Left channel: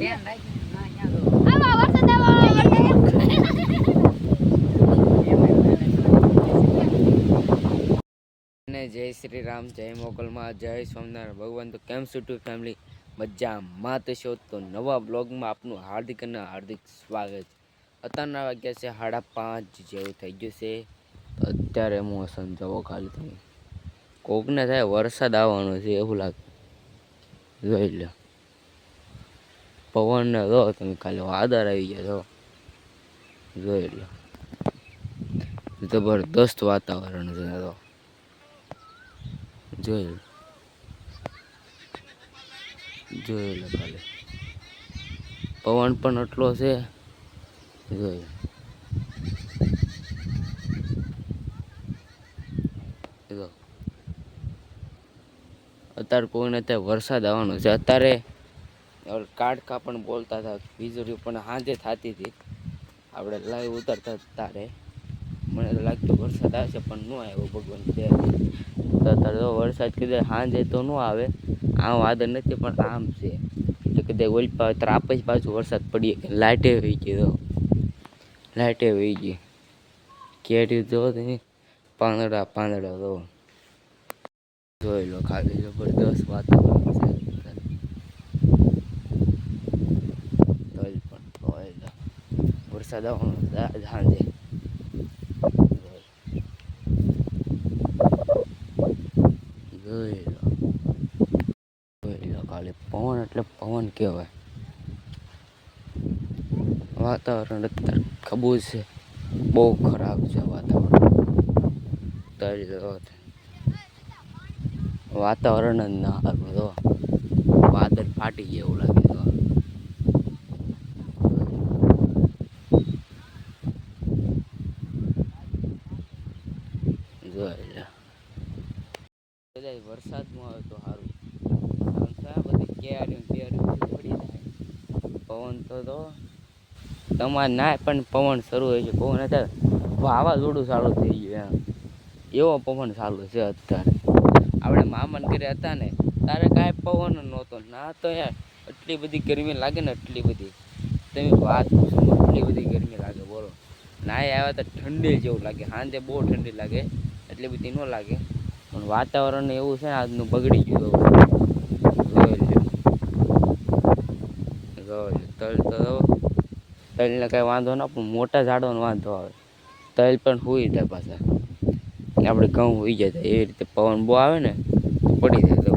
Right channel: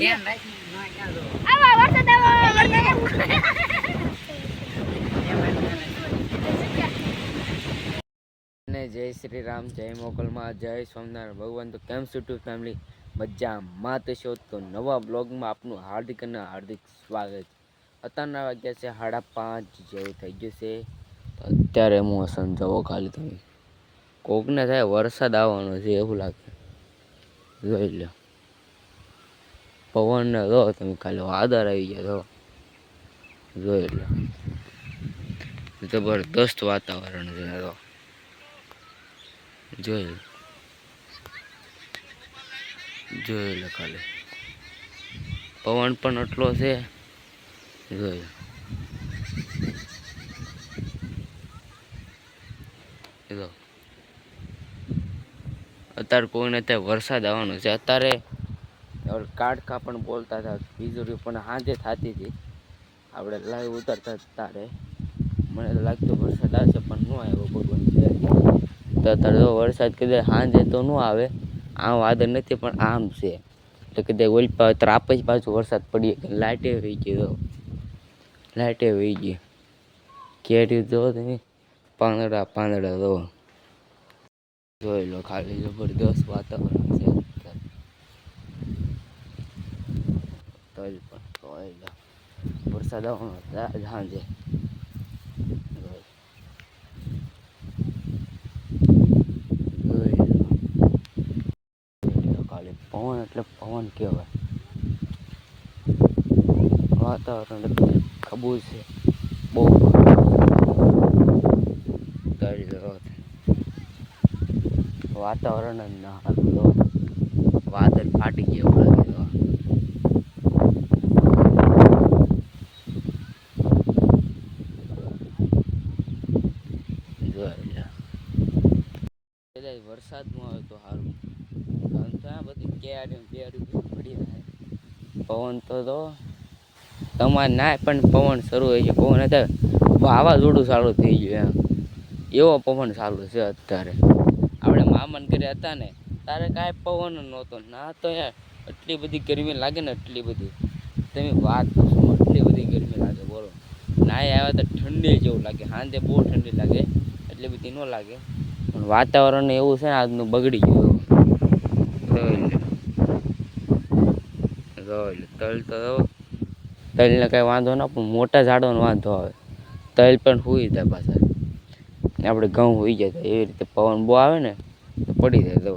જય શ્રી રામ, જય મોગલમાં, જય સ્વામિનારાયણ ભગવાન. તો કેમ છો ટુ ફેમિલી? મજામાં તો છો? તો નવા બ્લોગમાં આપનું હાર્દિક અને હાર્દિક સ્વાગત. અત્યારના વાગ્યા છે 5:30 જેવું થઈ ગયું છે. અત્યારે હું સમજાવો ખાલી તમે કોકને થાય વરસાદ આવવાનો છે એવું લાગે. જોઈ લો પવનને જો તમે ખાલી વાદળ આવી ગયા તો જોઈ લો. જબરદસ્ત વાતાવરણ છે તો જોઈ લો ખાલી પવન પણ એટલો છે. જોઈ લો અત્યારે કોઈને ત્યાં વરસાદ આવવાનો છે. અત્યારે કાડકા પણ બોલતા હતા, વીજળી પણ સાંજે થતી હતી. આપણે લાઈવ ઉતરતા તારે મને તો લાગતો વરસાદ આવશે પણ ન આવ્યો ભગવાન. તો અત્યારે જો વરસાદ કીધે સાંજે તો ન આવે, આમ વાદળ નથી પણ આમ છે. તો કદાચ ઓલ ત્રાપ જ પાછું વરસાદ પડી લાઇટે વહી ગઈ. લાઇટે વહી ગઈ. કેરી જો તમે પાંદડા જો જોઈ લો ખાલી જબરદસ્ત વાતાવરણ છે. તલ પણ જોઈ લો વરસાદ આવવાનો સાંજે. ખાલી પવન એટલે પવન કહેવાય. વાતાવરણ અત્યારે ખબૂજ છે, બહુ ખરાબ છે વાતાવરણ જ ના સારું. તો વાદળ ફાટી ગયા એવું લાગે. તો જોઈ લો વરસાદમાં આવે તો સારું. આ બધી કેરી પડી જાય. પવન તો તમારે ના પણ પવન શરૂ હોય છે. પવન અત્યારે વાવાઝોડું ચાલુ થઈ ગયું એવો પવન ચાલુ છે અત્યારે. આપણે મામાને ઘરે હતા ને તારે કાંઈ પવન નહોતો ના. તો યાર એટલી બધી ગરમી લાગે ને, એટલી બધી તમે વાત પૂછો. એટલી બધી ગરમી લાગે બોલો. ના આવ્યા તો ઠંડી જેવું લાગે. સાંજે બહુ ઠંડી લાગે, એટલી બધી ન લાગે. પણ વાતાવરણ એવું છે ને આજનું બગડી ગયું. તલ તો તલને કાંઈ વાંધો ના પણ મોટા ઝાડોનો વાંધો આવે. તલ પણ સુઈ જાય પાછા. આપણે ઘઉં હોઈ જાય એવી રીતે પવન બહુ આવે ને તો પડી જાય. તો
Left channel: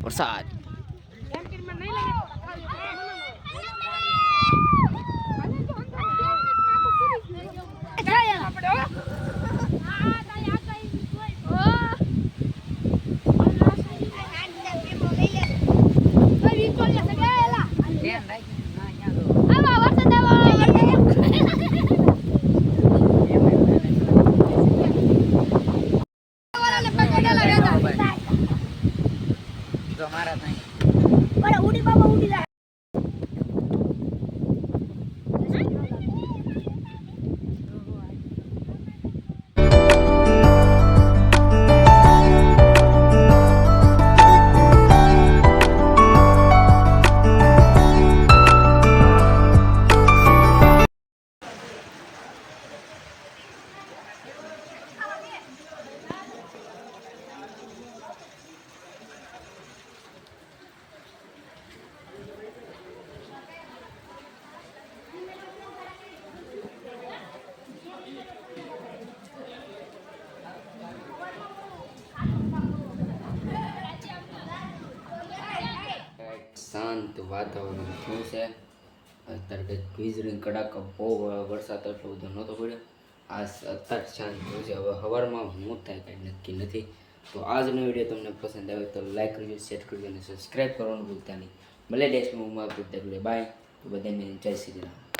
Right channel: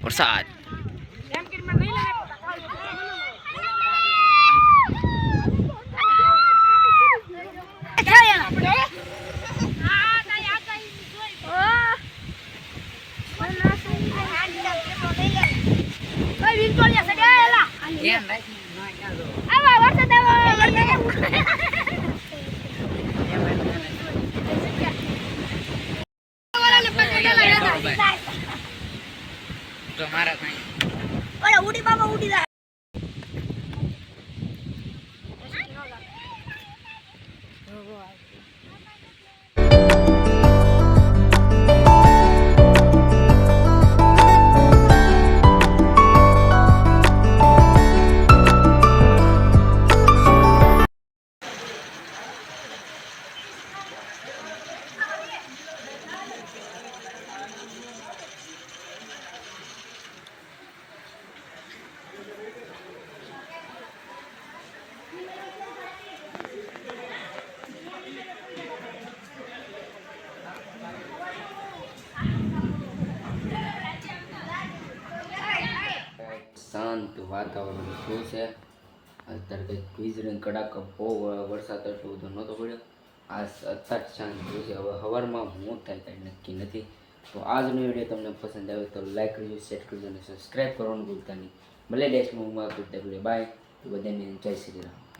વરસાદ મારા ભાઈ ઉડી બાબા ઉડી જાય. શાંત વાતાવરણ શું છે અત્યારે. કંઈક વીજળી કડાકા બહુ વરસાદ એટલો બધો નહોતો પડ્યો. આ અત્યારે શાંત થયું છે. હવે સવારમાં હું થાય કાંઈ નક્કી નથી. તો આજનો વિડીયો તમને પસંદ આવે તો લાઈક કરજો, શેર કરજો અને સબસ્ક્રાઈબ કરવાનું ભૂલતા નહીં. ભલે નેક્સ્ટ મૂવમાં બાય. બધાને જય શ્રી રામ.